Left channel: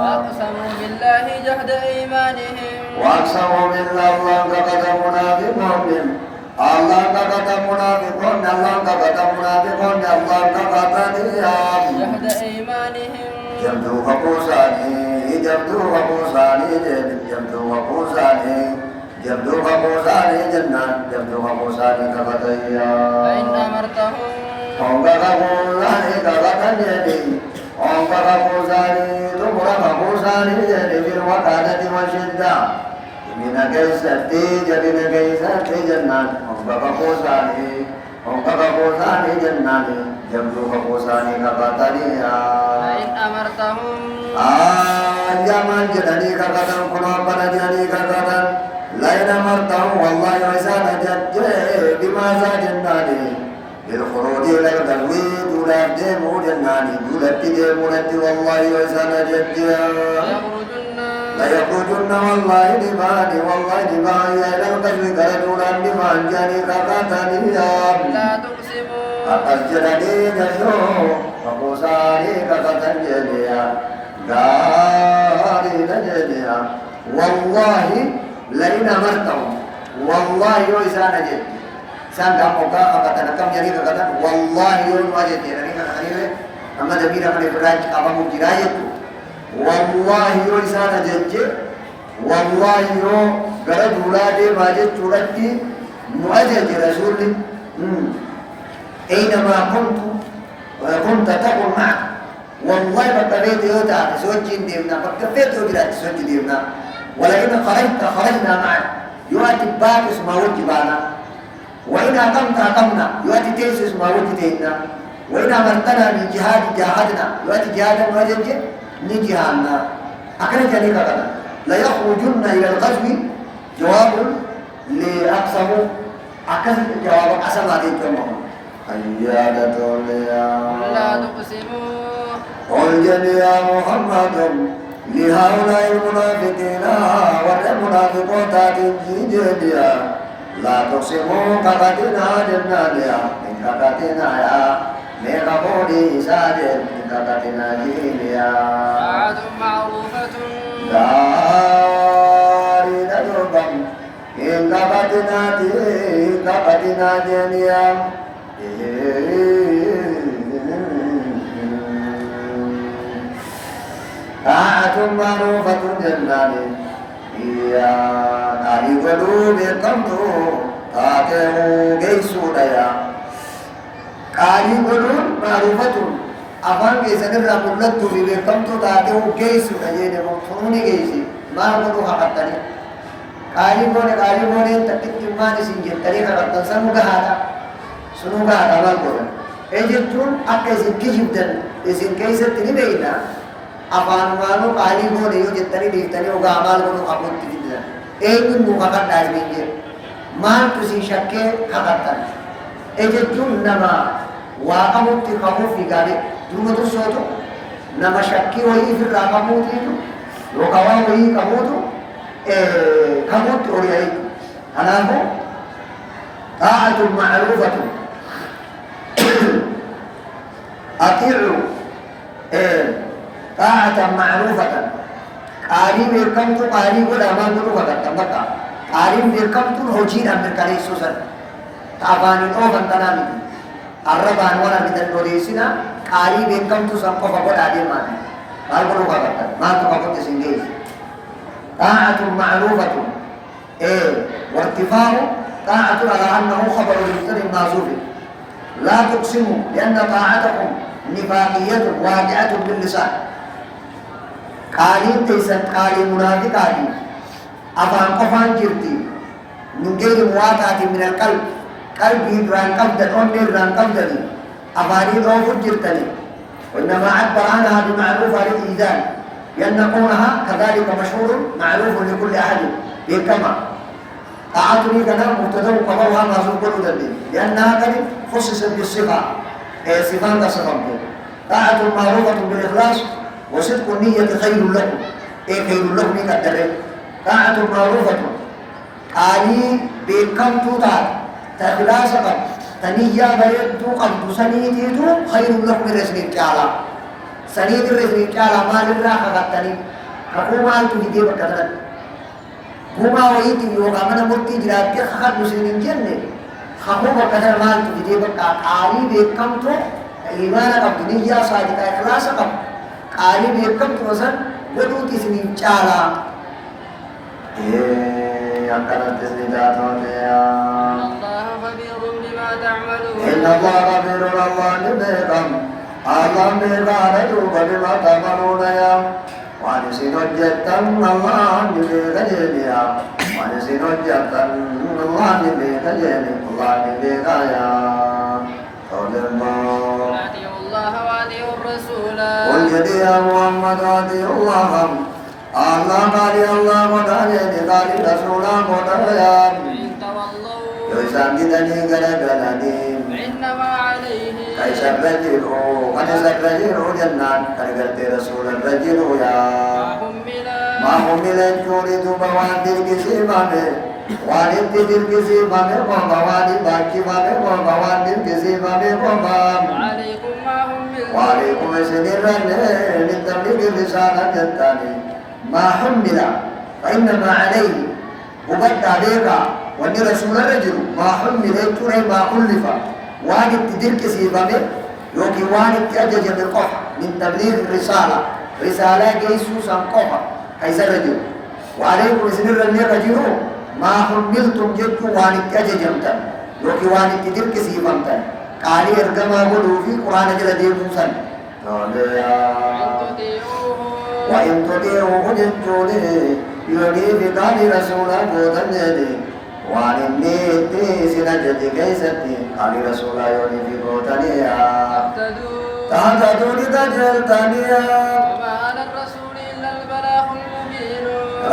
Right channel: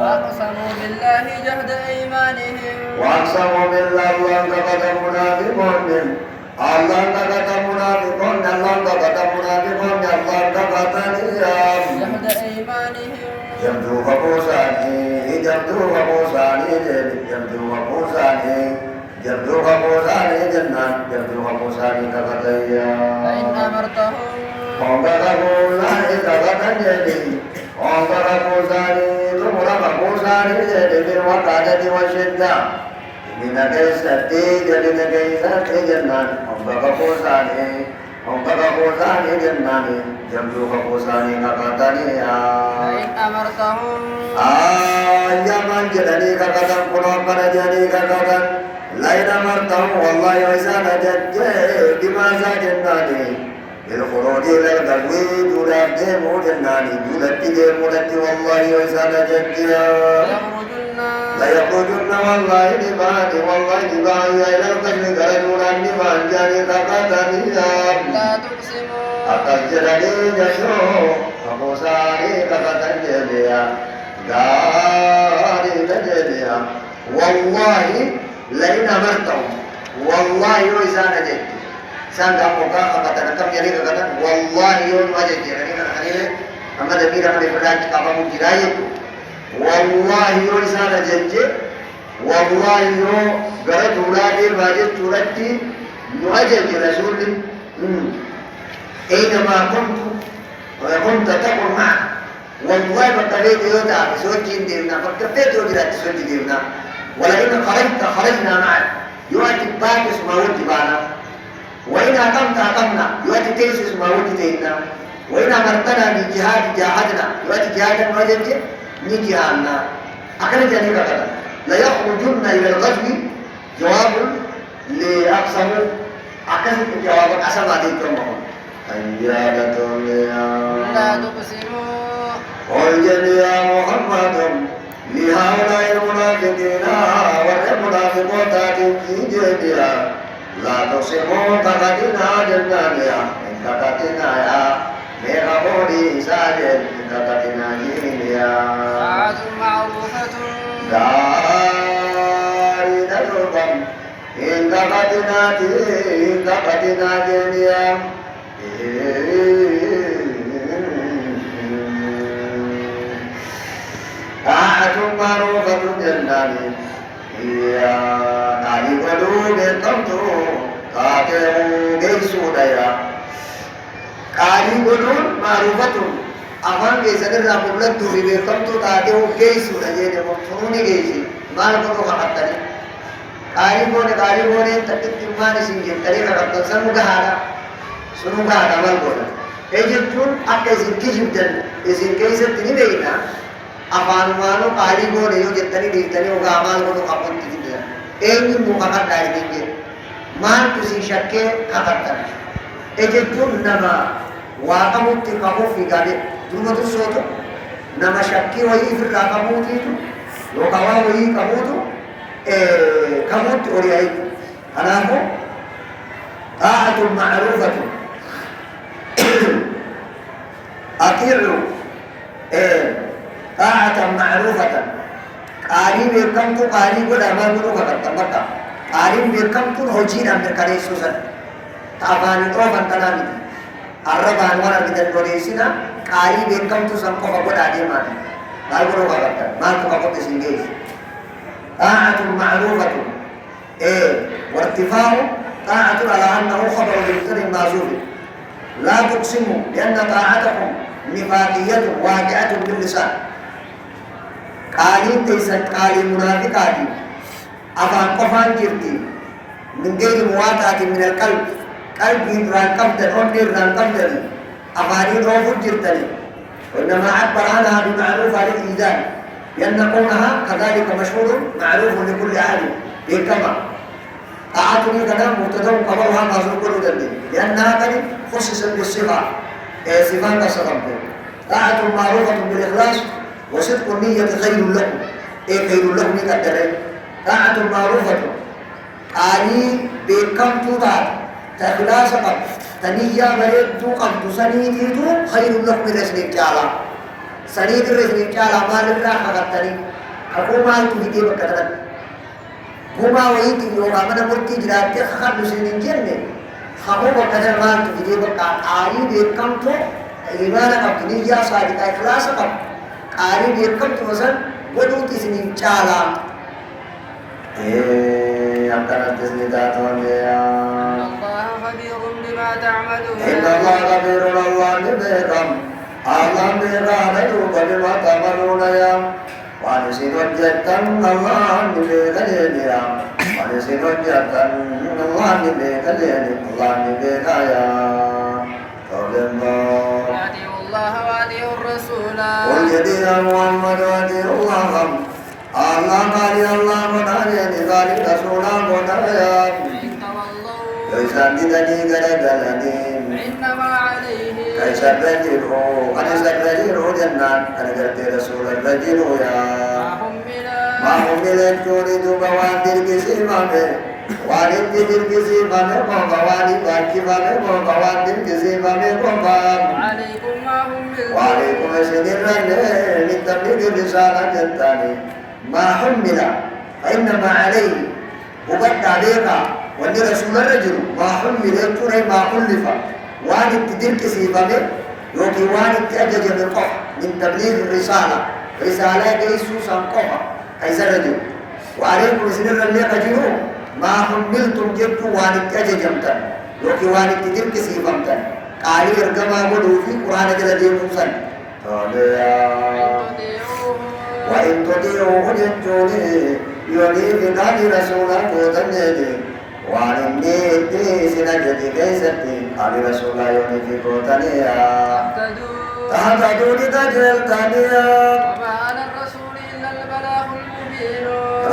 وأقسموا بالله جهد أيمانهم وأقسموا بالله الله لقد منافقون الله لقد منافقون الله لقد منافقون الله لقد جهد أيمانهم جمدوا فقوساني جمدوا فقوساني جمدوا فقوساني جمدوا فقوساني جنان جمدوا فقوساني كفتيا فإن أمرتهم هم كفقوا الله كفتيا هم كفقوساني ثم فقوساني في الوقادة والشدة من كيستي جبن كيستي جنان هم كفقوساني هم كفقوساني جنان جمدوا فقوساني كفتيا فإن أمرتهم jaman jedani kakatan kuno pada jadi kakatan lain amartam wallahi waisana jadje di masa jendani bil khurudi la dalwi durate mu jendani durati de mulati wallahi waisana jadje la yakujunna wallahi di bani ila al-qadri garajulan di manjani kakatan ya لا تقسموا atas jadi jayo kapusari kakatan jedia dari tajadiya wallahi lain amartam wallahi waisana jaddi sangka muka kata nakam jadi kata wallahi wajib ini kata ini amma dabira kan beraj apa mukilai itu wallahi waisana jaddi wallahi yo gara julade wajib turati muajib rasul أينما كنت تقول معك والله بقبيت يوتا سوتشين ديمنا بقبيت يوتا سوتشين ديمنا ولئن خرجنا معك يؤتي باكس ما وجبانا وإن أقمنا يؤتي تيسس ما وجدنا وإن أمرتنا من جهاد جاهدنا يؤتي جهادا وجدت نجهادنا أخرجني كذا لا يخرجن إلى الغزو جواب لأقسم أكثر جواب أسمع ذلك المهم حيادة لا تقسموا قل يا محمد لهؤلاء المنافقين والمنافقات تجديا لا تقسموا كفتنا جنانيا من كفتنا يا ميغبوني ساجد من كفتنا جينيا طاعة معروفة داري نجوبا إن كفتنا جينيا طاعة معروفة جناني يا نالي قلوب تمتو تاتيو جيسو ديا قالي قلوب معروفة أفان جيسان الرابولت تولي تمتو تاتيو جيسو ديا مفتوني جيسي ما نقولو حقتني قالي بوني تتكتمان سنجم طريقة ربطان سنو كهادا سنو كهادا مال بولا اجتون أكا زنكي جبتن زنكي ستني بينا अपानुमानो काली को नहीं हो जितनी बीतनी होगा अमाल को तो अपन की दिया एक दिन मुकाबला डाल देंगे मान किसी शक के खतरता है एक जो नमा वाकमुक्ति कबू फिगारे तुम तो सो तो नमा शक्की वही फिर राकमुक्ति तो लोकावा वही कबू तो कबूत और यही अनाको ताअतु मारूफतु अतिरु طاعة معروفة قاري بيركم تو قاري قد أما قلو فقط بقى قاري بيركم تو هجين أمر كري سوسن تابان الأوفن تنامي الربان وانا بدن وريسنا قاري بيركم تو سنقو فقط عدي مانا ما قلو فقط ما تفقط سنجيز طاعة معروفة وارتفاع طاعة على أنه خبر لمتر معزوف لا تقسموا لأن طاعتكم نفاقية واقعة باللسان قالين تيسن قالي منافق عادي أفان قفان جرتي من غير مواطعة من القلب قلب يدران قبضا ونران قبضا أفاني روف جرتني وإنما عبر عنها بمعروف على الإيذان لأن قولها كذلك مشهور معروف لكل أحد بكما طاعتني كذا مبتدأ قبلها معذور كل ذنب لأنها قد خصصت بالصفة صفات الصدق طاعة معروفة بالإخلاص وصدق النية خير لكم خير لكم كالدرع طاعة معروفة قالي بكم تطاع تخلاص قد تنية بريد قد سنيتيتو خير لكم الرسل الجعلة سنيد الرزق قال ما لله خطني حكومة تجدي بكتر هما ويتي يوم من مرتي جرات خد مسلمين جنة حكومة كتر ما تجدي بكتر آري بكم تو إيمان كم دنيا صادق إخلاص كم آري بكم تو مثلا ودو تسنين چالا أكرت تسنيدات وليا الله خبير بما تعملون إن الله خبير الله بكم الله بكم رجوب بما تعملون يا ونسين جتن الله بكجنيا ونسين جتن الله بكجني الله بكايا قول الله أطيعوا الله وأطيعوا الرسول قل جدي يا محمد وأطيعوا الله الله قال الله ونهي قال رسول ونهي فإن تولوا يسان دني غدلني فإنما عليه كيف الرجل أن الرجل جنان أن رسول الرجل يا ما هم من الجود بوادي كسيمانه وارد بدر كسيمانه بوادي باكي مانه بوادي كسيمانه بوام وعليكم ما هم وعليكم سنرن لتبليغ الرسالة جتاني ما حمل فإنما عليه وبد عليك وأن رسول الرجل ما حمل يكون ما حلف وارد بدر كسيمانه يوكي وارد تأجج بالقف من تبليغ الرسالة رسالة جيسوس قفا كيسر رجل وعليكم سنرن رجل ما حملتم جدت وارد تأججمتا يوكي وارد بدر كسيمانتا قالي ارقما ولو في قرآن جل ديموسا وإن تطيعوه جنجوني يولي بقال رسولا قوتنجني وعن النيتي سنجد كيستني قال رسولا يولي بقوتنيا تهتدوا لتجلتنيا وما على الرسول إلا البلاغ المبين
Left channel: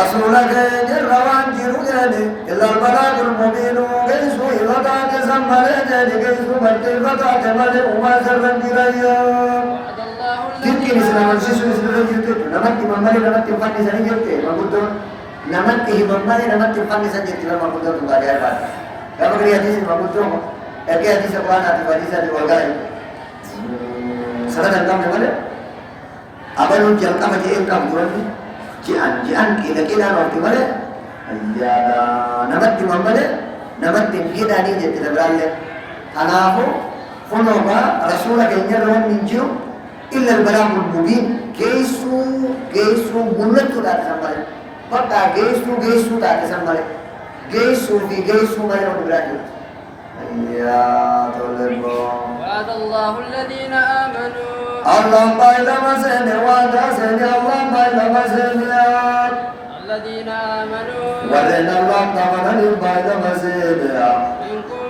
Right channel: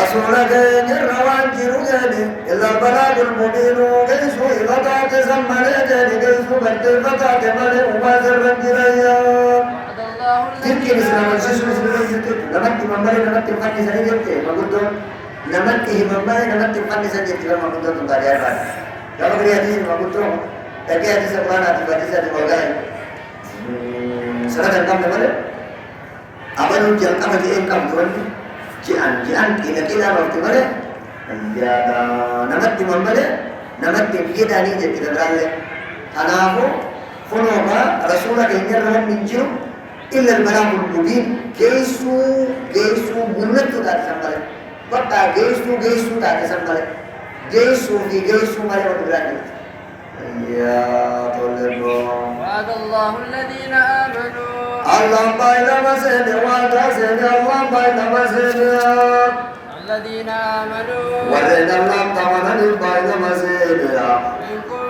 رسولك جروان جرودني إلا البلاغ المبين كيسو إذا تسمى لجني كيسو بلتفتا تمني وما سرن جريا وعد الله تلك الإسلام الشيش مسلم يجب نمت ممالي نمت فاني سنجد ما قلتم نمت ممالي نمت فاني سنجد ما قلتم تبالي أربعة كما قلت حديث ما قلتم أكي حديث أقوانا حديث الوردائي سنة كم ممالي أبنو جلتا مجيئن كم قرني jian kira-kira waktu mana? Ya, namat di mana? Namat di kita ni jadi kita beralih. Anahu, konoba Rasulullah kenya rawat minju, illa al-balamul mubin. Gesu gunat tu tak sampai. Bapa gesu tak sampai. Gesu mana waktu beralih. Ya, tolong. وعد الله الذين آمنوا Allah baila masene wada sene Allah baila masene الذين آمنوا warena Allah tamanani baila masene منكم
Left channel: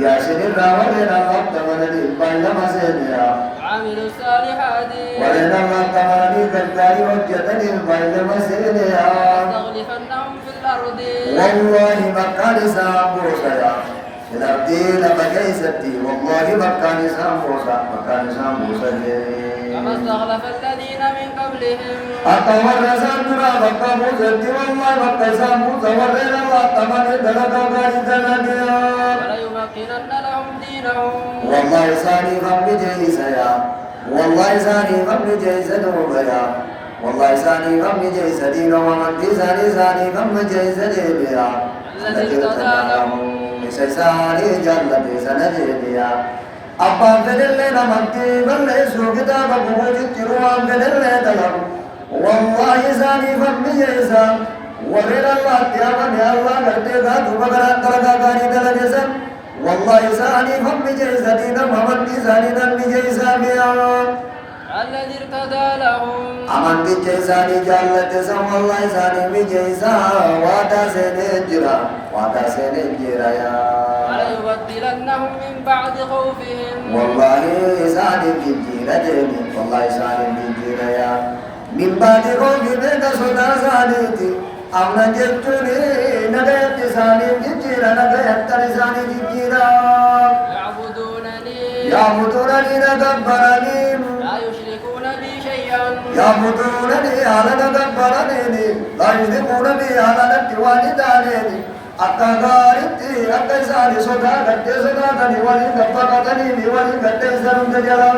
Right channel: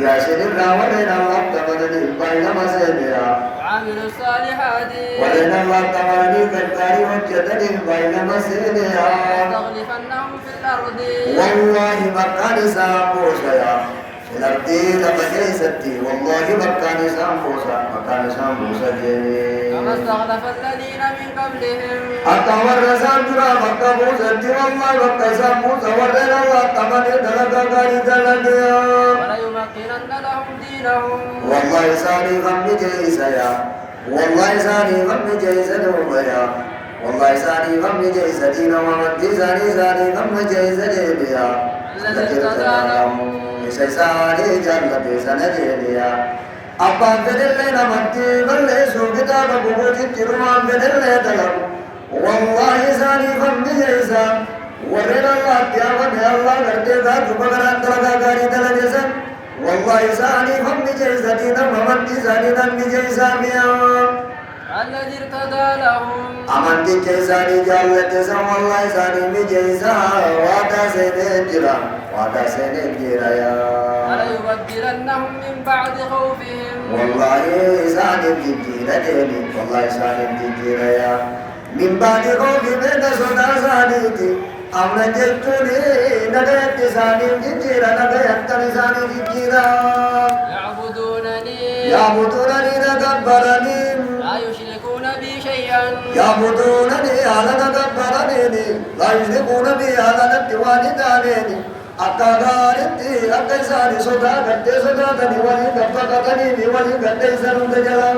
ya sene rawarena Allah tamanani baila masene وعملوا الصالحات warena Allah tamanani kalkari hojjatani baila masene لأستخلفنهم في الأرض wallahi makan sabu saya الأرض لبكيستي والله مكاني سامبوسا كما استخلف الذين من قبلهم أتور سامبرا بكابوستي والله بكا سامبوسا ورنا الله تمني دلقا غاري دلقيا وليمكنن لهم دينهم والله ساني غم جيسا يا والله ساني غم جيسا دوبيا والله ساني غم جيسا دينا ومن ساني غم جيسا ديبيا الذي ارتضى سيساري جنة سنجيديا أبا فدل نمتي بل سو كتاب بوجود تروان فدل دلم والله ساني فم جيسا ورد الله تيامن يا الله کرتے بات بغران درگا گاری دلجسن والله ساني فم جيسا دينا ممن ساني نم جيسا بيا الذي ارتدى لهم أمن جيسا جالت سا والله ساني جيسا وادا سنجرا وعدا سنجرا يا وليبدلنهم من بعد خوفهم والله سالم جيرا جيني والله سالم جيرا يا من بعد خوف من سودا سالتي أمن جتوني ندت سالم جيرا نبيت سالم جيرا يعبدونني نكبرني لا يشركون بي شيئا يعبدونني على نكبرني لا يشركون بي على نتوالداني akka gaaritti akka isaani sodaa gaddee sodaatani waliin gabbaqatanii waliin gaddee isa hunda jala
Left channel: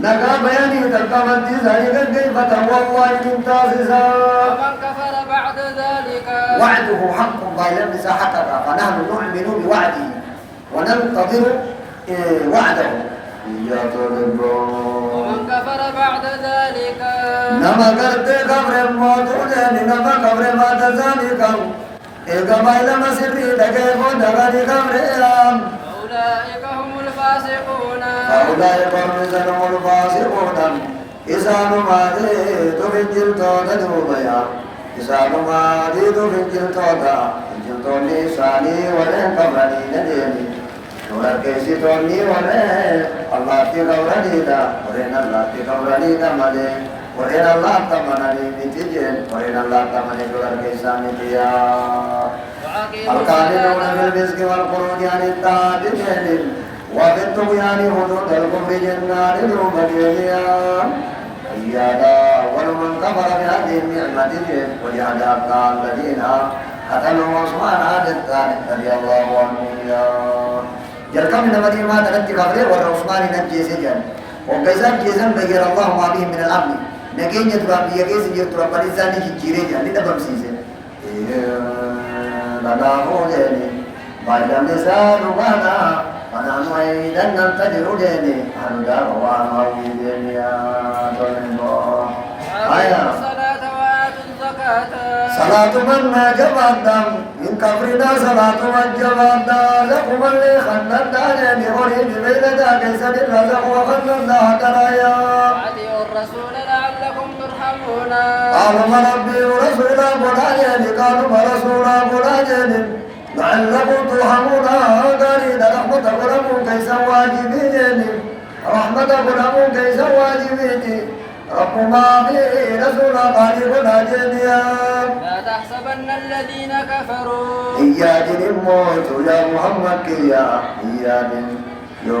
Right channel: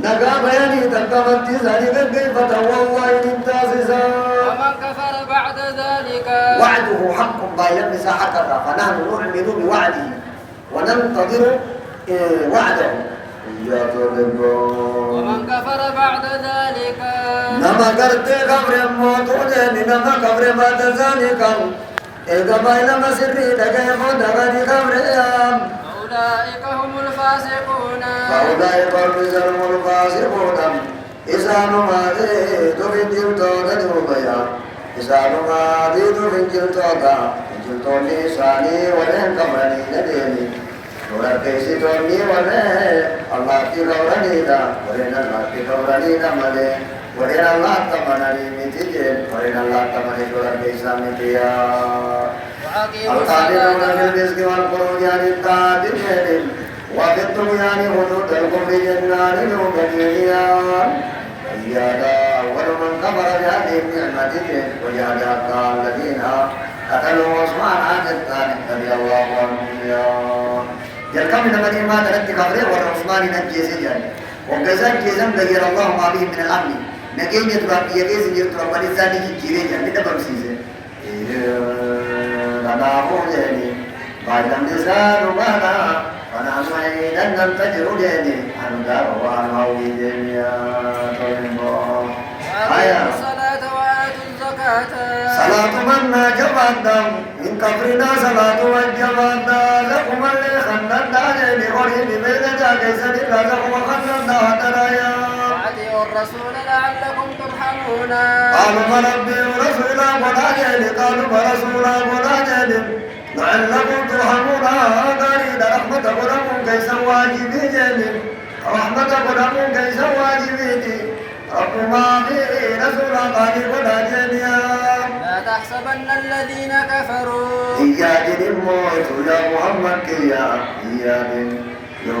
نقا بياني تلقمت ذلك كيف والله من تاسسا ومن كفر بعد ذلك وعده حق بايلم حقق فنحن نؤمن بوعده وننتظر وعده إياك ومن كفر بعد ذلك نما قرت قبر موتون نما قبر بعد ذلك القبائل مسري تكيف دغني قبرهم أولئك هم الفاسقون أولئك هم الفاسقون إسان ما ديت في جلتون دوبيا إسان ما ديت في جلتون نساني ولن قبرني نديني ولن كيسيتوني ولن الله في قبرني دا ولن الله في قبرني دا ملي ولن الله تمنى ميتجين ولن الله تمنى ولن كيسامي بيا القادرون بالرزق والخروج عن الطاعة وفي الطغيان هدود الكفر جنان المبين إياك أول من كفر بهذه النعمة وجعل حتى الذين قتلوا عثمان عن الثالث رضي الله عنهم يا جلكم من مدينة تلت كفره والعثمان نجي سجن وكذا جيزا غير الله ما به من الأمن نجين يتراب يجيز يتراب لسانه كيريجا لدبر سيزن لنا هودني بعد نسال بنا فنحن أيضا ننتظر ديني أنقر وعنويدني يا طلبا وأقيموا الصلاة وآتوا الزكاة صلاة من جبادا من كفرنا صلاة من جبادا لكم اللي خلنا داني أريد بين داكي سنين لازم وخلنا درايا وأطيعوا الرسول لعلكم ترحمون قالوا ما ربي ورسولا بلاجين قالوا ما رسولا بلاجين لعلكم ترحمون قالين رحمة لكم كيس واجبين رحمة لكم كيس واجبين ربما في رسولا قالوا بلاجين لا تحسبن الذين كفروا إياك الموت يا محمد إياك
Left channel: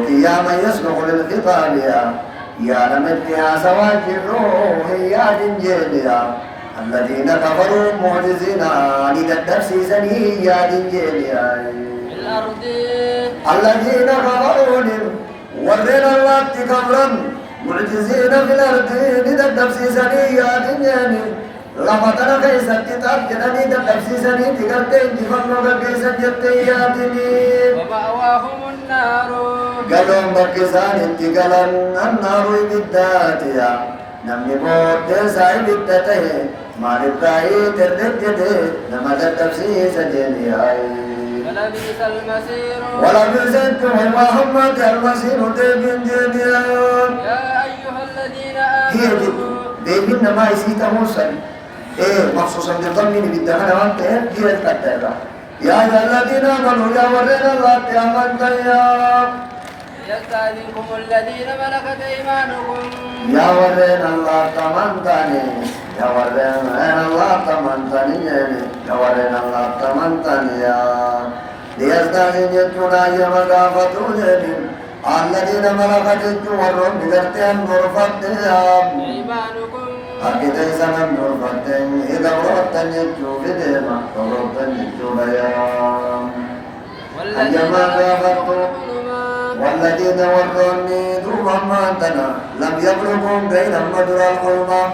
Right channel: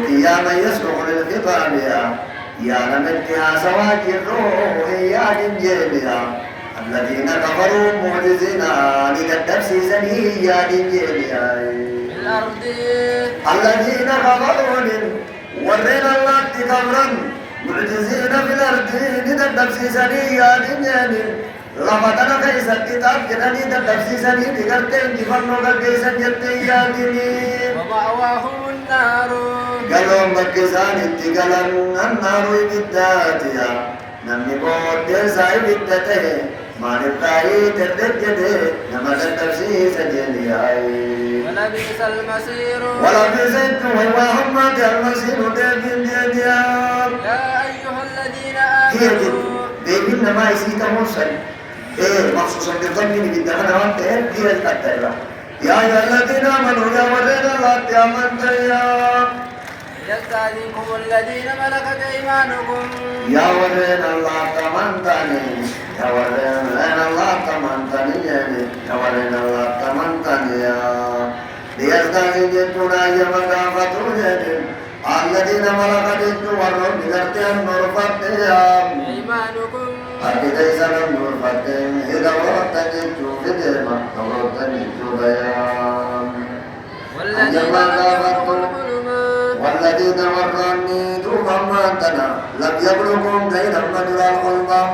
يا من يسبق للخطاب يا لمتها سواج الروح يا دنجيليا الذين كفروا معجزين للنفس زنيا دنجيليا الأرض الذين كفروا ورين الله كفرا معجزين في الأرض للنفس زنيا دنجيليا لفتنا كيسا كتاب جناني دنفس زنيا بغرتين كفرنا كيسا جتيا دنيا ومأواهم النار قالوا بكسان اتقالا النار بالذاتيا نمني بود ساي بالذاته ما نبقاي تردد نما تفسير سجلي ولبئس المصير ولا بزنت وهم المصير دبن دنيا يا أيها الذين هي آمنوا دبن ما يسيته سن مخصوصا بالضمن بالدهن وانت هي الكتابة يا أيها الذين آمنوا يا ورين الله تأمنت يا يستأذنكم الذين ملكت أيمانكم يا ورين الله تمنتني يا ورين الله تمنتني يا ورين الله تمنتني يا ليستأذنكم يا مكافتون الذين ملكت الجوار بغرتهم نرفتهم أيمانكم أكيد إذا نرفتهم إذا ورتن الجوبدهم ورتن الجوبيام والذين كفروا الظلمات والذين وروني دوما ماتنا لم يبلغوا غير مجرى الحومة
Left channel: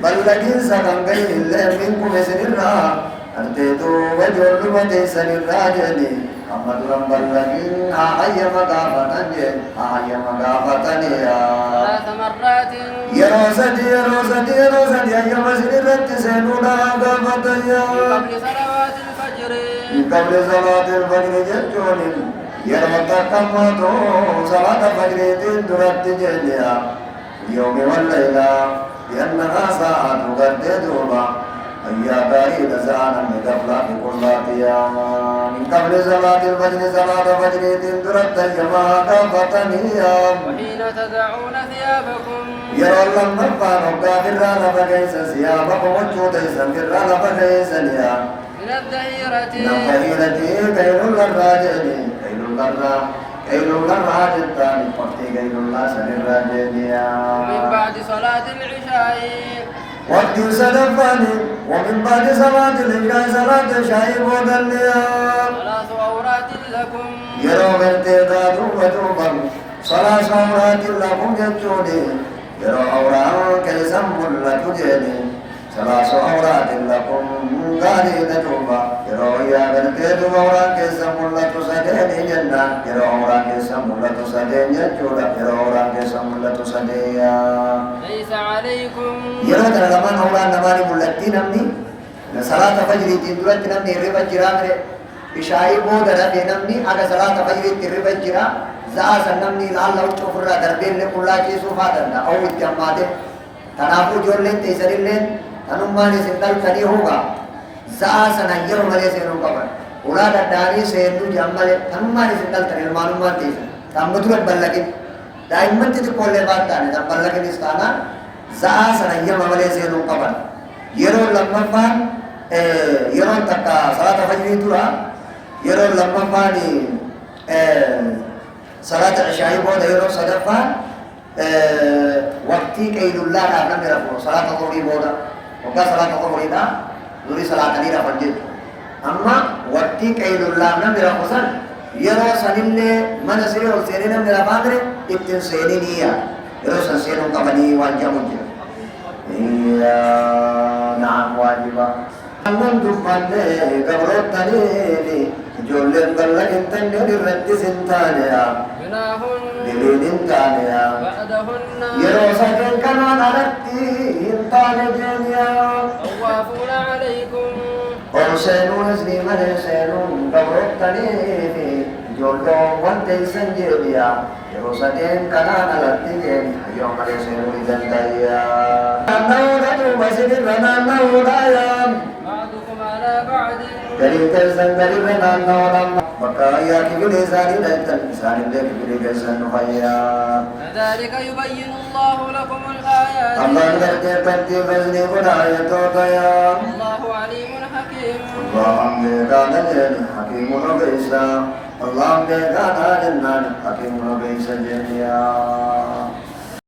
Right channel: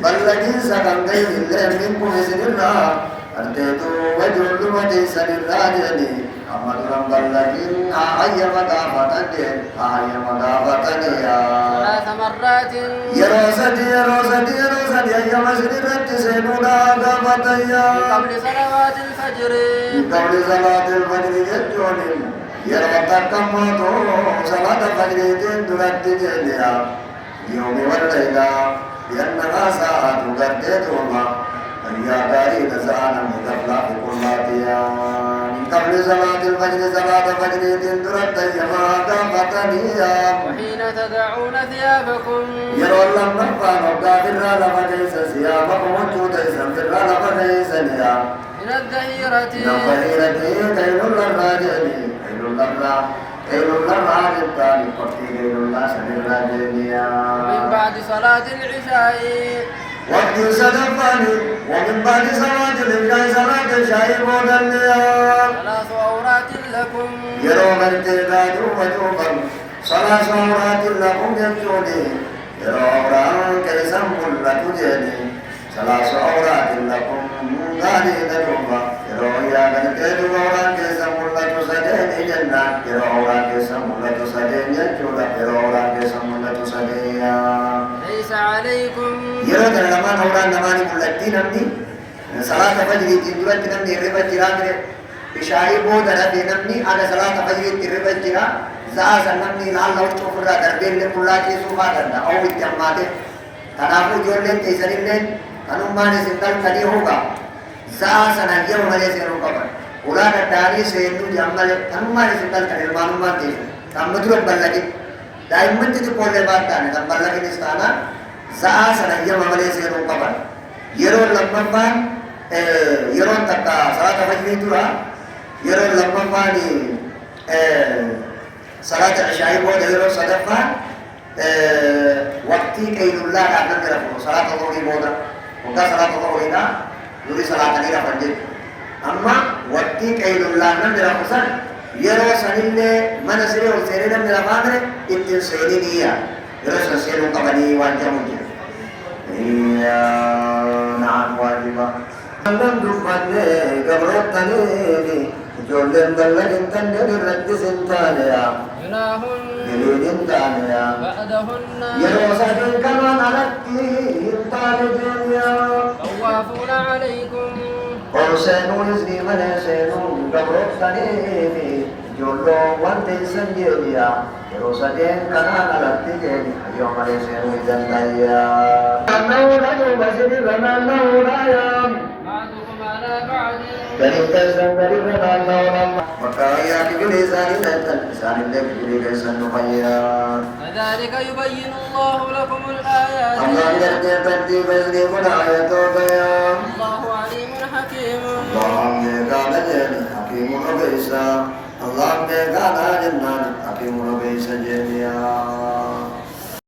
بل لكن سكن غير الله منكم بسن الله أرتيتوا وجود وديسن الراجل أمد رب لكن أحيى مقافتني يا ثلاث مرات يا روسدي أي مسجد رتسنونا قافتيا من قبل صلوات الفجر من قبل صلاة الفجر جدون يرمتكم موتو صلاة الفجر تدرت جليا اليوم والليلة لأنها ساعة تقددهما أيا بعيد ساعة من قبل كلاتيا من قبل صلاة الفجر تدرت جماعة قافتنيا وحين تدعون ثيابكم يرى لم نبقى نبقى فرال فكيس ثيابكم وجود فرال فكيس نيا من الظهيرة كيل الراجل الثاني قفتي كيل الله سن الراجل من بعد صلاة العشاء وقت سلفاني ومن بعد صلاة العشاء صلاة العشاء مودليا ثلاث عورات لكم يروم ارتداد وجوبا ثلاث عورات لكم جتوني yeroo awraan keessan mul'atu jedhe salaasu awraatin lakum gaariidha duuba yeroo yaadan kee duuba awraan keessan mul'atu sadeeni jennaan yeroo awraan keessan mul'atu sadeen jechuudha yeroo awraan keessan mul'atu sadeeya laysa alaykum yeroo kana lamaan awraan namaani mul'atti namni salaata fajriitiin duratti namni hirriba jiraa mire ishaa'ii booda dhabee namni aga salaata fajriitti hirriba jira za'a san namni ilaalla huccuu ofirraa darbeellee qullaachiisuu faa danda'a ta'uu itti hammaate kanaafuu ijoolleen teessanillee kanummaan isin dhaltanii huba za'a sana yeroo malee seenuu qaban ulaa danda'anii seennuu jedhan malee kanummaan isin dhaltan ilmaanummaan teessan kan dura ballaqin daa'imman xixiqqoollee baataane kan ballaqinis taanaan za'a sana yeroo malee seenuu qaban yeroo lammaffaan yeroon takka salaata fajrii dura yeroo lammaffaan صلاة العشاء بودا يرو صدفة وقتي كيل الله كان نرفو صلاة الظهر بودا وقت صلاة الظهر هنا نري صلاة نيرا فنجد أما وقتي كيل الله نرفو سن يرو سنين من سيري وسيري نرفو ابتن سيري نيا يرو سنسيري قبني وانجا مجر نعم واجبا من دفعني قبرت تنيني جولن دلن تندر رد سنتانيا جناهن جلين تانيا بعدهن يروسك كما غلطي انتان جنيا طوافون عليكم ورسينو إذني من سينو قبرت تنيني جولو وانتي سنجيريا يروسك كما غلطي يوم رسينو إذن دايا أنه ندو مسجد لنا أنه رايا بعضكم على بعض Dari kesan dari benar orang maka ya kiri sari dan sari lagi kiri kesan supaya كذلك يبين الله لكم الآيات Allah kerja berarti besni pun ayat kaya الله عليم حكيم Allah megana jadi hakimun bisa Allah megana jadi hakimun bisa jadi